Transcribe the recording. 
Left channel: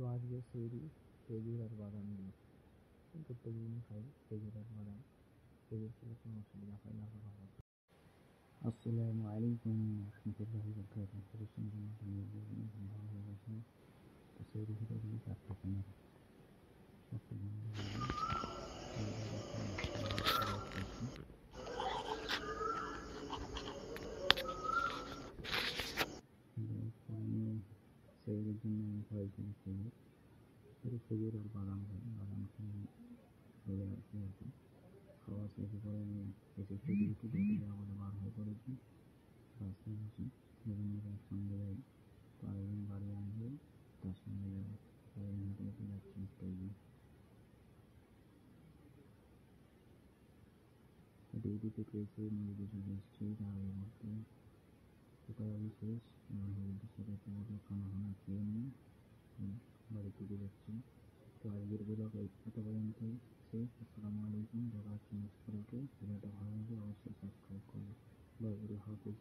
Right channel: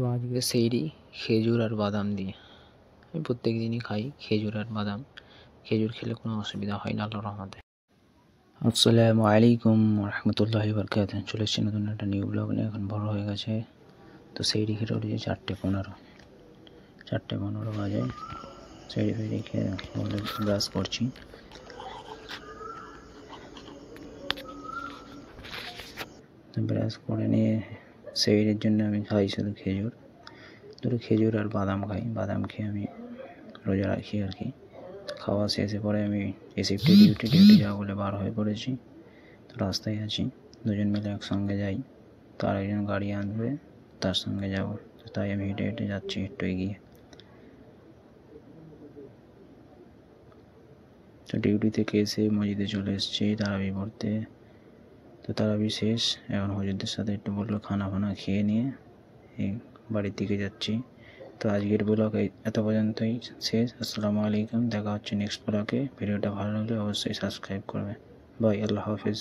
তো আজকে সেইরি খেজুর আর বাদাম দিয়ে। আমি প্রত্যেক দিনই খাই খেজুর আর বাদাম। খেজুর খেলে কোনো অসুবিধা হয় না আল্লাহর রহমতে। আসসালামু আলাইকুম রহমতুল্লাহি বারাকাতুহু। চলে এসেছি নতুন একটা নিউ ব্লগ নিয়ে। এখন বড় হয়ে গেছে, তো সেইরি খেতে উঠেছে 4:15 বাজে। সেইরি খেয়ে ব্রাশ করছি। ব্রাশ করে নিয়ে সেইরির জন্য আমি খাই শুধু খেজুর, দুটো খেজুর আর বাদাম খাই। বাদাম খেয়ে আমি রোজা রাখি আর কি। খাওয়া শেষে পরে আমি শিফটে ডিউটি যাওয়া বলে বার হয়ে পড়েছি। তো রাস্তায় আছি, দুজন মিলে একসঙ্গে যাই। তার একজন গাড়ি আনবে, তার সঙ্গে যাব। তাই আমি হেঁটে হেঁটে যাচ্ছি একটু এগিয়ে। তো ডিউটি থেকে এসে মসজিদে চলে এসেছি তারাবি পড়তে। তো তারাবি শেষ, এখন হুজুরদের সাথে একটু বললো খানা খেয়ে নিয়ে এই বাড়ির দিকে যাচ্ছি। তো আজকের ব্লগ এত পর্যন্তই শেষ। আসসালামু আলাইকুম, দেখা হচ্ছে নেক্সট ব্লগে। ভিডিওটা ভালো লাগলে অবশ্যই সাবস্ক্রাইব করবে। বাই, আল্লাহ হাফিজ।